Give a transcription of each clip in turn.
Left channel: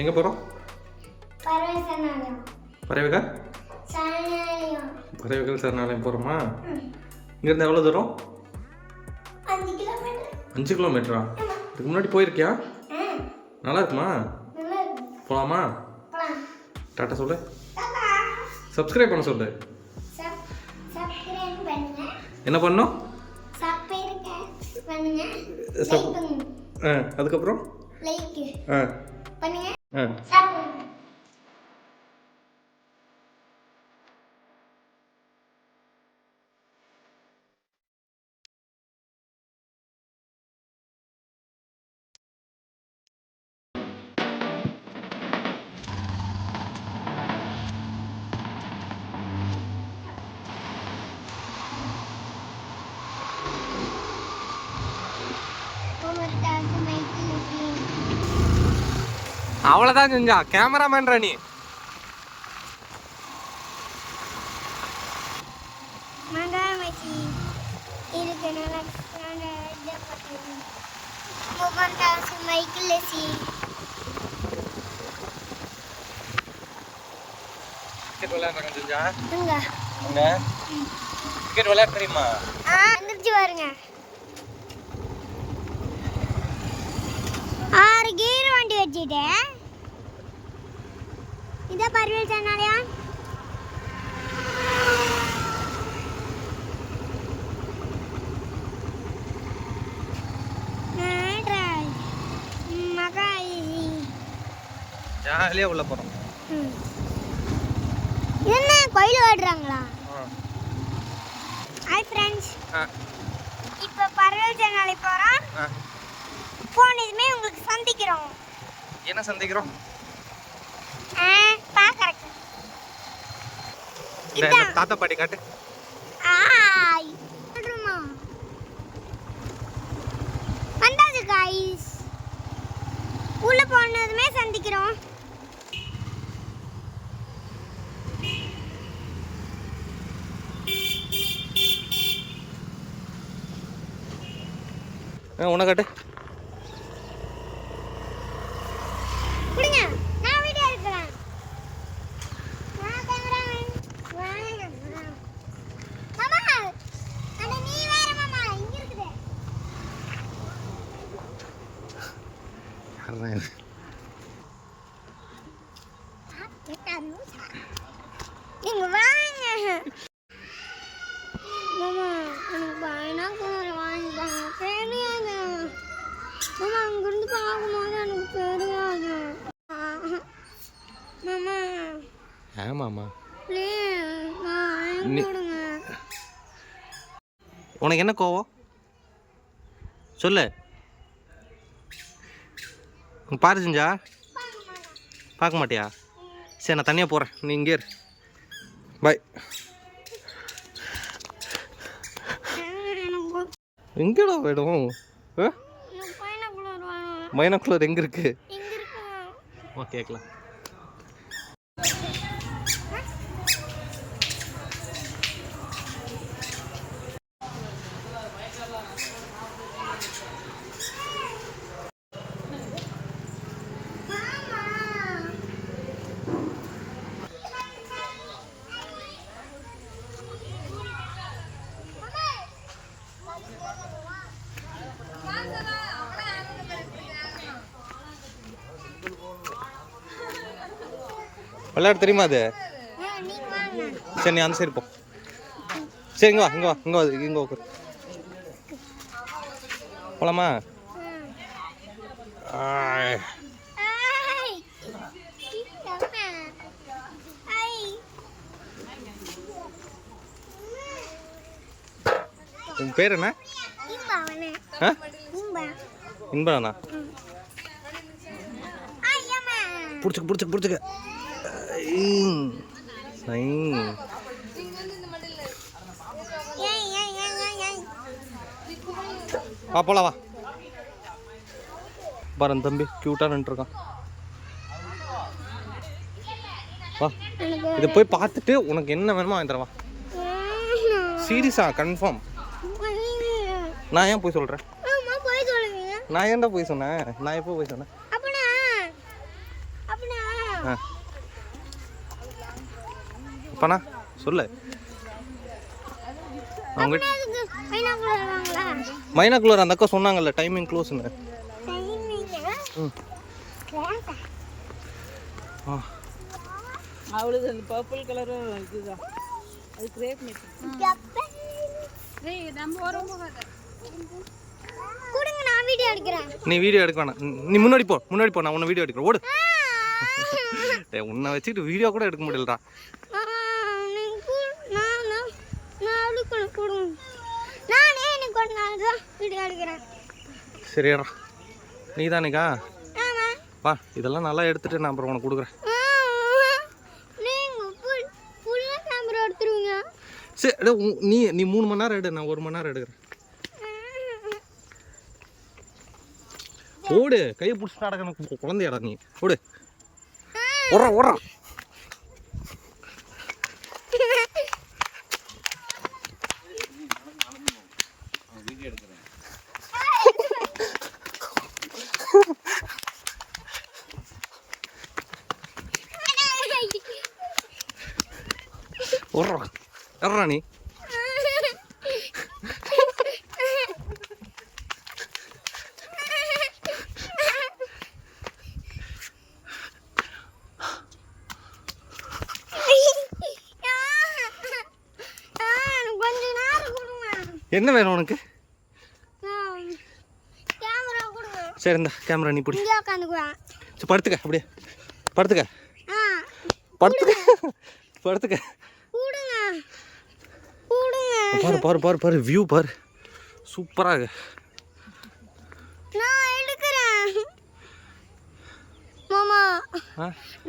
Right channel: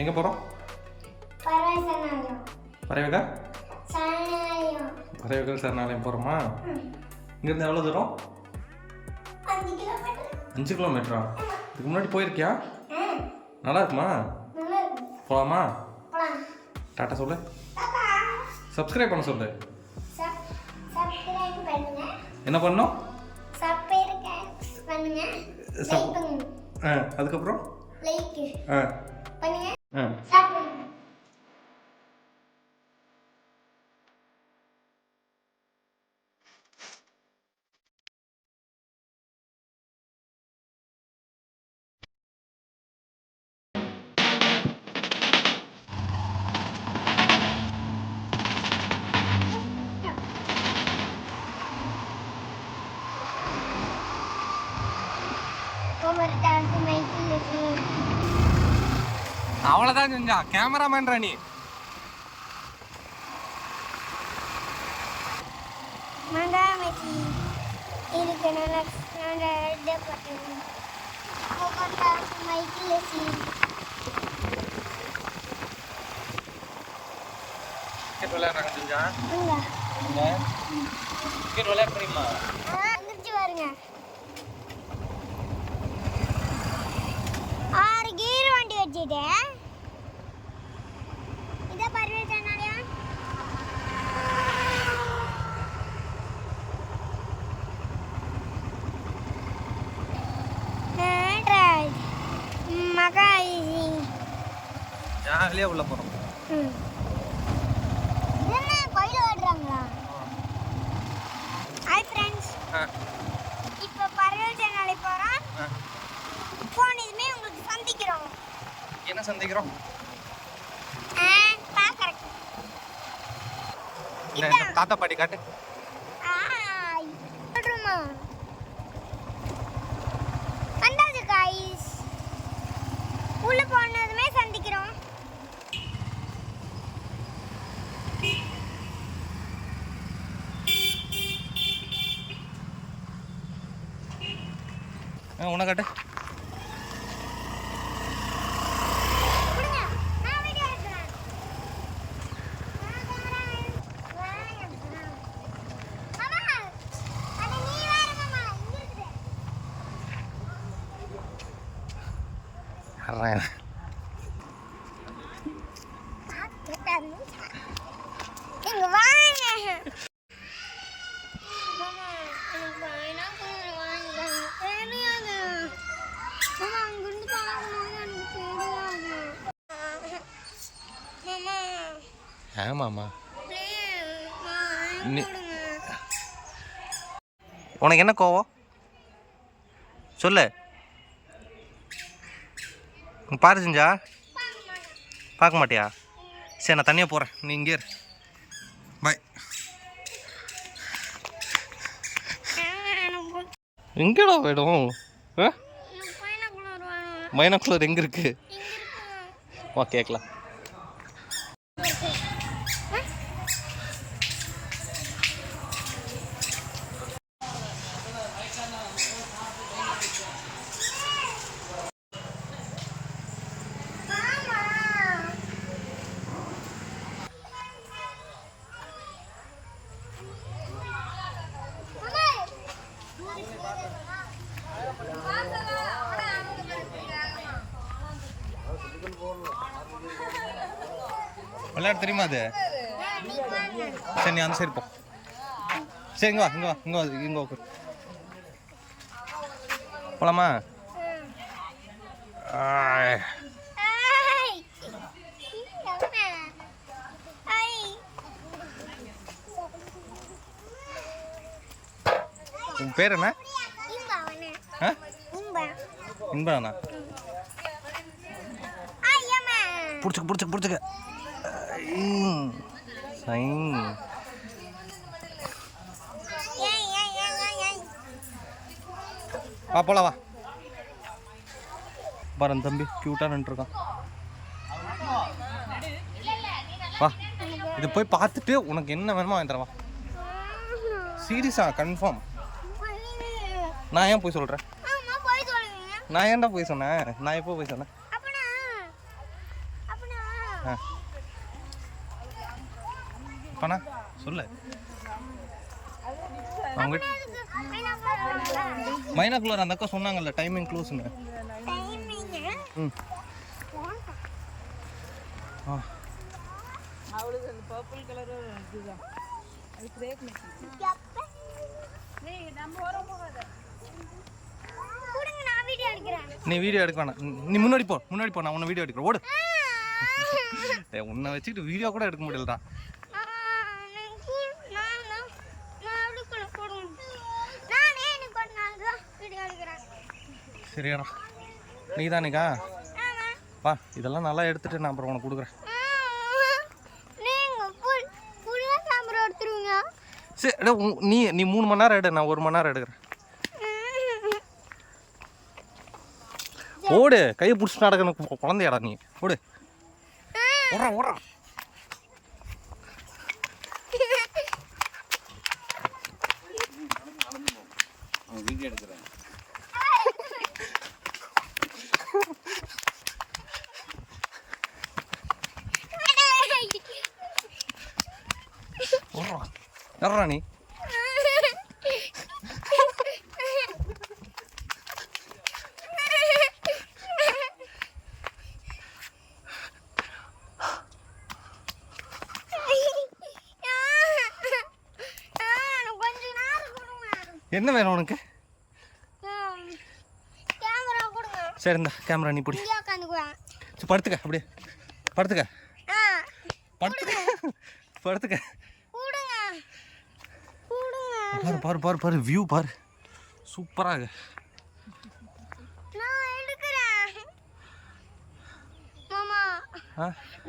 எங்கே போகிறோம்? பறவைகள் பறவைகள் சரணாலயம் போகிறோமா? இங்கேருந்து எவ்வளோ தூரம்? 5 கிலோமீட்டரா? இதுக்கு முன்னாடி போயிருக்கியா? நல்லா இருக்குமா? போகலாமா? டாட்டா சொல்லு. சப்ஸ்கிரைப் பண்ண சொல்லு. என்ன பண்ணோம்? அதுக்கப்புறம் அவ்வளோதான் செஞ்சா. கேமராமேன் ராணி. கிரிக்கெட் விளையாடுறாங்க செஞ்சா. கிரிக்கெட் விளையாட தெரியுமா? பாருங்க 6 கீர் வண்டி வச்சுட்டேன். இதான் பறவைகள் சரணாலயம். ஜாலியாக உள்ள போகிறோம். என்ன கோயில் ஓடுறாங்களா? ஹாய் ஃப்ரெண்ட்ஸ், இப்போ பறவைகள் சரணாலயம் போகிறோம். போனதுமே உங்களுக்கு சந்திக்கிறோம். என்ன சந்திக்கிறோம்? தாத்தா பாட்டி காட்டு. வந்தாச்சு गाइस. உள்ள போனதுமே சந்திக்கிறோம். உன காட்டு. இங்க வாங்க. மாமா அங்கிருந்து பார்க்கும்போது எனக்கு தெரியாது. ஆமாம்மா, உனக்கு என்ன கோவம் சொல்லு. பாரு செஞ்சா. பார்க்க மாட்டியா? சரி, நான் தனியாக போகிறேன், நீ இங்கே இரு. பாய். எங்கடா போயிடும்? பைனாகுலர் எங்கே இருக்கு? வா கேட்கலாம். விளையாட தெரியுமா அது? சரி, நீ அந்த சைடு போ. சரி, இங்கே வா, இங்கே வா, இங்கே வா, இங்கே உட்காரு. போலாமா? உன் பேர் என்ன? இன்பனா? பிடிச்சிக்க பிடிச்சிக்க பிடிச்சிக்க. வா போலாம், வா. பாரு தம்பி கியூட்டா நின்றுருக்கான். வா, இதை போய் பார்த்துட்டு உனக்கு என்ன வேணுமோ வாங்கி தரவா. சீரியஸா கன்ஃபார்ம். நான் ஏன் போய் சொல்கிறேன்? நான் ஏன்டா போய் சொன்னேன்? நான் எப்போ போய் சொன்னேன்? ஆ அப்பண்ணா சொல்லு. அவங்க மைனாக்குள்ளர் அந்த அக்கா சொன்னாங்கல்ல டைமிங் க்ளோஸ்னு. ம் ஆ அவளுக்கு அந்த பர்பிள் கலரும் இதுதான். அது கிரேப் மெட்டீரியல். நீங்க நம்ம வரம்போது கூடுங்க நான் வீடியோ எடுக்கிறேன். நீ வீடியோ எடுக்க வேணாம். நீ முன்னாடி போ நான் உன்னை வீடியோ எடுக்கிறேன். ஓடு. டேய் உன்னை வச்சுக்கிட்டு வீடியோ கூட எடுக்க முடியலடா. சரிடா நீ தானேக்கா வா இதெல்லாம் நல்லா எடுத்துட்டு நான் அப்புறம் உனக்கு கொடுக்குறேன். சரி நீ 3 மணி நேரம் எடு, நான் 1 மணி நேரம் எடுக்கிறேன். ஓடு கையை பிடிச்சி நடக்கணும் குழந்தையாடா நீ. ஓடு ஓடுறான். வீடியோ எடுக்கிறேன். ஓடுறா நீ. என்ன வேணும் உனக்கு? சரி இந்த கேமரா நீ பிடி. சரி படுத்துக்க அப்படியே படுத்துக்க. பாரு பாரு பாரு பாரு வியூ பாரு சூப்பராக.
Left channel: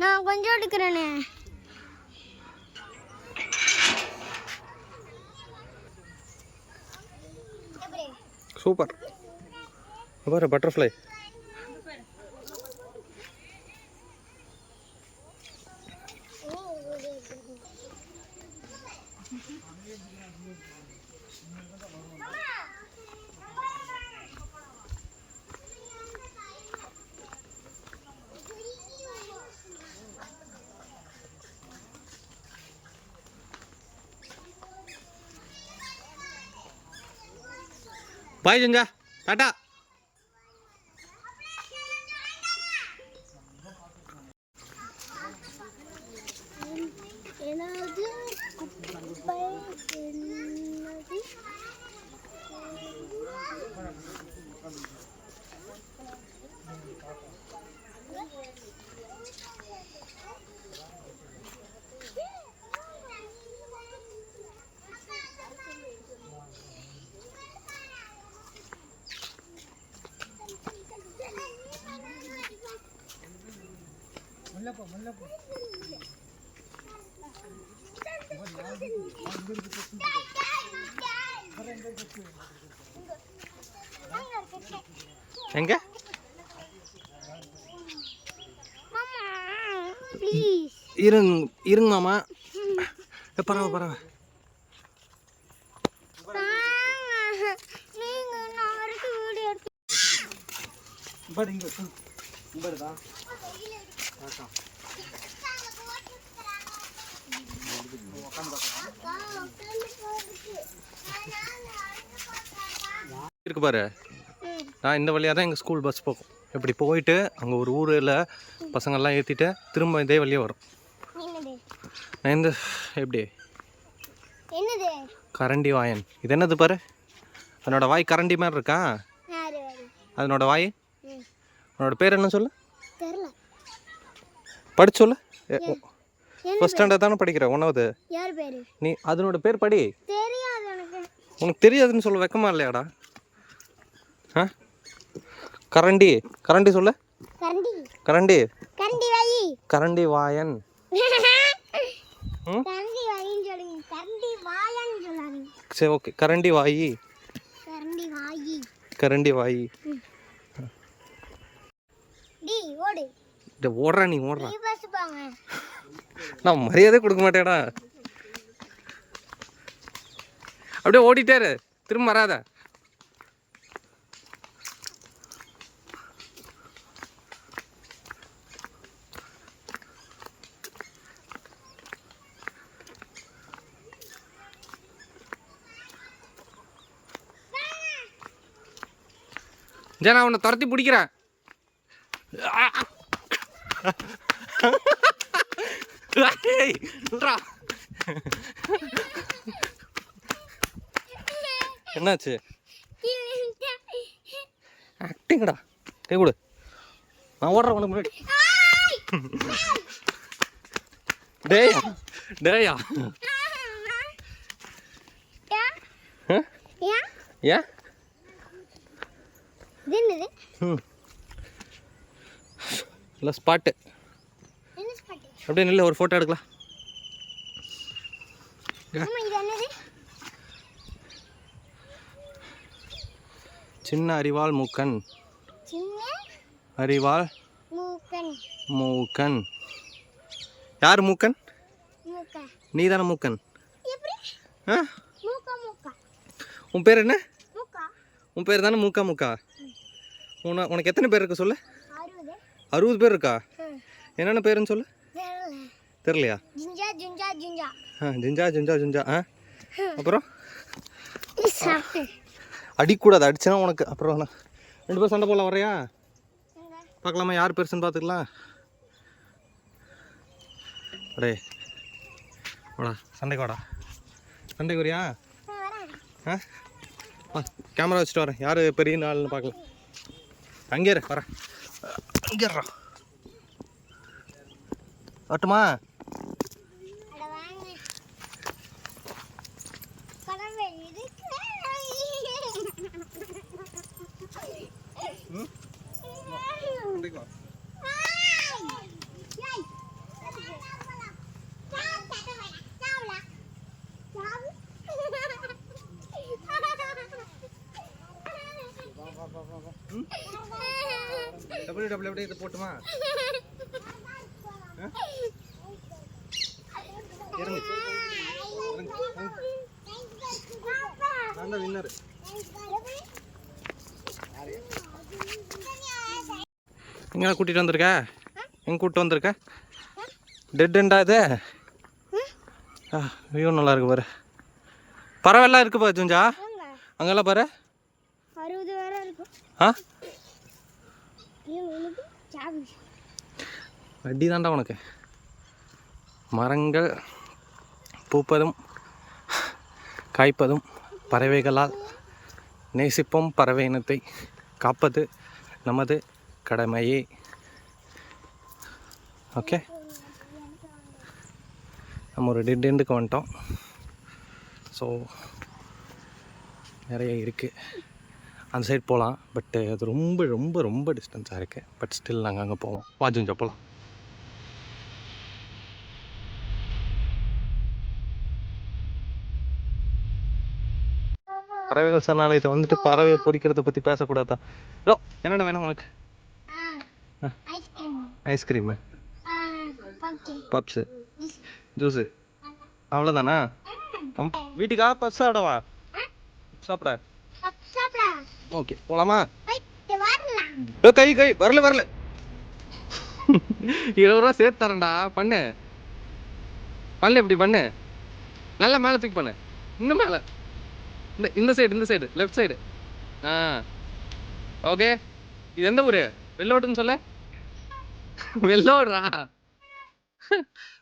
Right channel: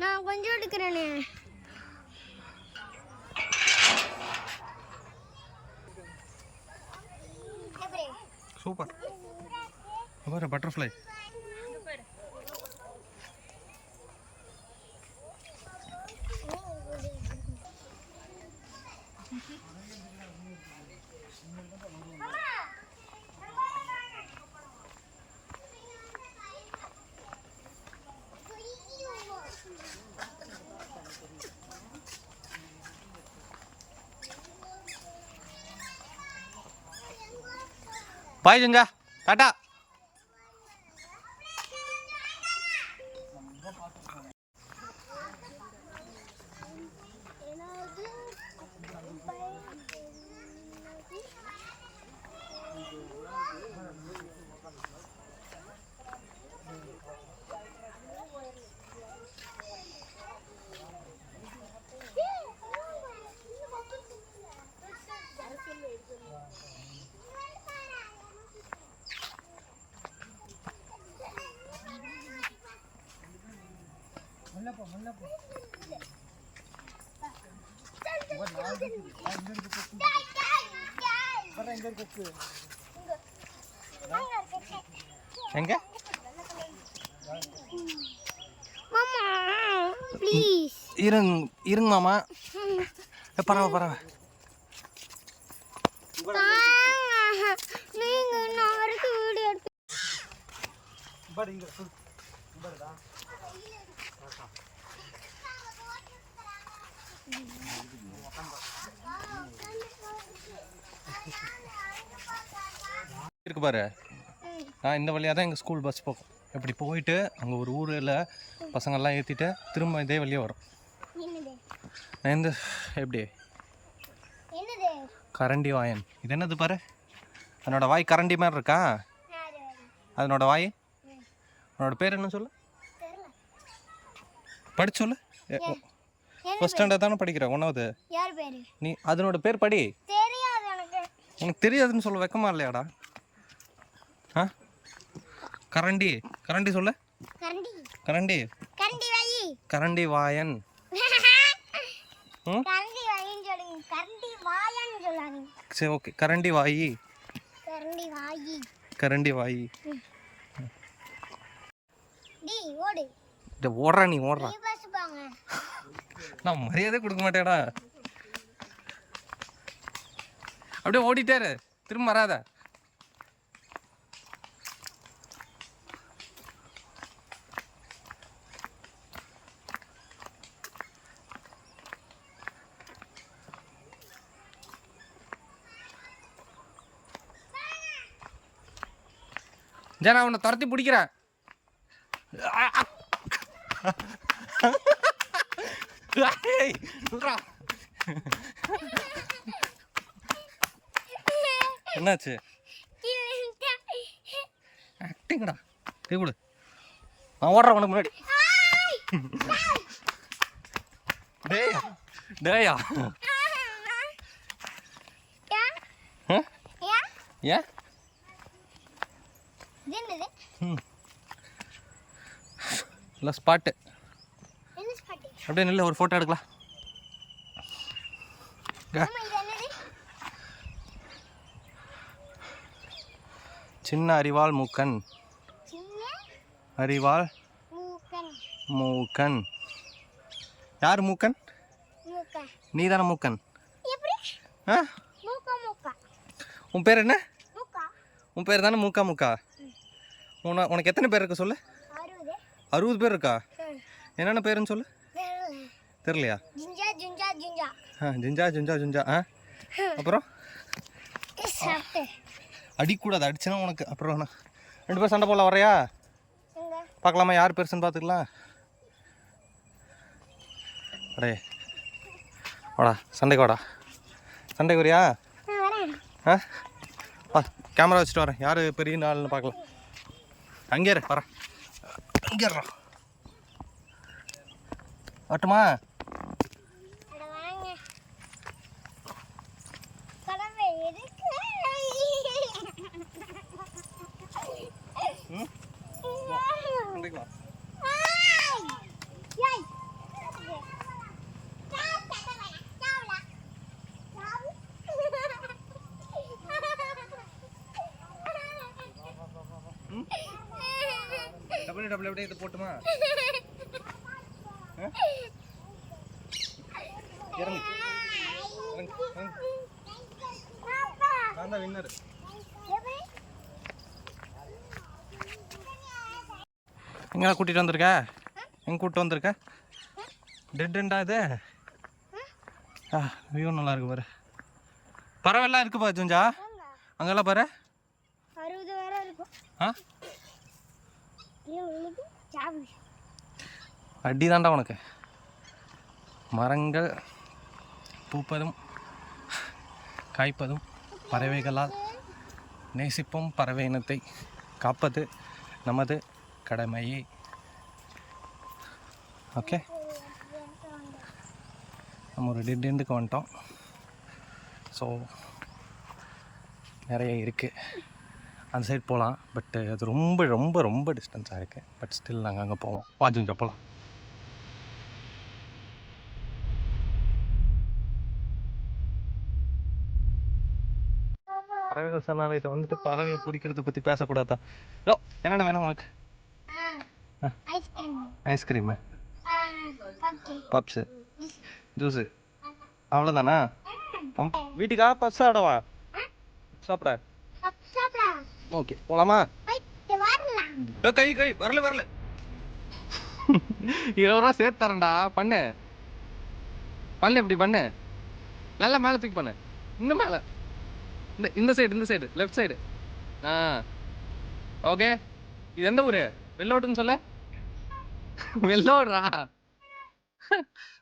நான் கொஞ்சம் எடுக்கிறேனே. சூப்பர் பாரு பட்டர்ஃப்ளை. பாய் ஜங்கா டாட்டா. எங்க இருங்க மாமா. பரவ இருக்கு பாரு. நான் இந்த வழியாக தான் எங்கள் ஸ்கூல் பஸ் போகும். இப்படி போயிட்டு அங்கே ஒரு ஊரில் பசங்கள்லாம் ஏற்றிட்டு திரும்ப இதே வழியாக வரும். நான் இந்த எப்படி கரண்டி வாயன். இது என்னது பாரு, அதனோட வாய் கரண்டி மாதிரி இருக்கா. அதனோட வாய் அதனோட பேர் என்ன சொல்லு, படிச்சு சொல்லு. ஃபர்ஸ்ட் ஸ்டாண்டர்ட் தானே படிக்கிற, 1வது நீ. அதனோட பேர் படி. உனக்கு தெரியாதுன்னு சொல்ல வெக்கமா இல்லையாடா? ஆ கரண்டி கரண்டி சொல்லு. கரண்டி கரண்டி வாயன். சரி ஓகே கரண்டி வாயி. கரண்டி வாயி. ஓடுறா நீ ஓடுறா. நான் மரியாதை கொடுக்க மாட்டேடா. அப்படியே ஓடிட்டாரு, திரும்ப வராத. ஜனா உன்னை துரத்தி பிடிக்கிறேன். என்னாச்சு? ஆக்டிங்கடா. கை கொடு. நான் ஓடுறேன் உனக்கு முன்னாடி. டேய் டேயா. ஏன்? இல்லை ஸ்பாட்டு. அப்படியே நில்ல, ஒரு ஃபோட்டோ எடுக்கலாம். சின்ன அரிவாள் மூக்கன். அரிவாள் மூக்கன். யார் மூக்கன்? நீ தானே மூக்கன். ஆ, உன் பேர் என்ன? உன் பேர் தானே மூக்கா மூக்கா. உனக்கு எத்தனை பேர் இருக்கு சொல்லு? 60 பேர் இருக்கா? என்னென்ன பேருன்னு சொல்லு. தெரியலையா? ஜிஞ்சா ஜுஞ்சா ஜுஞ்சா. ஆ, அப்புறம் அடிக்கூடாது, அடிச்சுனா உனக்கு அப்புறம். 2 பேர் சண்டை போடலாம், வரையா? பார்க்கலாமா யார் பெருசுன்னு பார்த்துக்கலாம். அடே வாடா, சண்டைக்கு வாடா. சண்டைக்கு வரியா? ஆ, வா, கேமரா வச்சுட்டு வரேன். யார் பெரிய நாள்னு பார்க்கலாம். அங்கே இரு, வரேன். அங்கே வரட்டுமா? டபுள் இதை போட்டுமா? இறங்கு. நான் தான் வின்னர். எங்கே கூட்டிகிட்டு வந்திருக்க? எங்கே கூப்பிட்டு வந்திருக்க? டெட்டுண்டா இது. ஆ, வியூ நல்லா இருக்கு பாரு. பறவைலாம் இருக்கு பாரு ஜுஞ்சா. அங்கெல்லாம் பாரு. 60 வேற இருக்கும். ஆ, அடி தாண்டா உனக்கு. மரங்கள் பூப்பதும் காய்ப்பதும் பறவைகளால் நேசிப்போம். பறவை இனத்தை காப்பது நமது கடமையே. ஓகே, நம்ம ஒரு டெட் எண்டுக்கு வந்துட்டோம். ஸோ நிறைய இருக்குது. அந்த சைடு போகலாம், பட் அது ரொம்ப ரொம்ப ரொம்ப டிஸ்டன்ஸாக இருக்குது. பட் ஸ்டில் நாங்கள் அங்கே போவோம். வாஜுஞ்சா போகலாம். பறவைகள் சரணாலயத்தை வந்துட்டு பறவையை பொறிக்கிறத பற்றி பேசக்கூடாதா? ஓ, என்னென்ன வேணும் உனக்கு? ஐஸ்கிரீமு, பப்ஸு, ஜூஸு, அவ்வளோதானா? வீட்டுக்கா பப்ஸ் சாப்பிடவா? சாப்பிட. ஓகே, போகலாமா? கை கை வரல 20 ரூபா சேர்த்து தரேன்டா. பண்ணு இப்படி பண்ணு. நல்லா மேலே தூக்கி பண்ணு. இன்னும் மேலே. இந்த சைடு லெஃப்ட் சைடு. ஆ, ஓகே. இது எந்த ஊர்? வெள்ளோட்டுன்னு சொல்ல. வெள்ளோடுறா.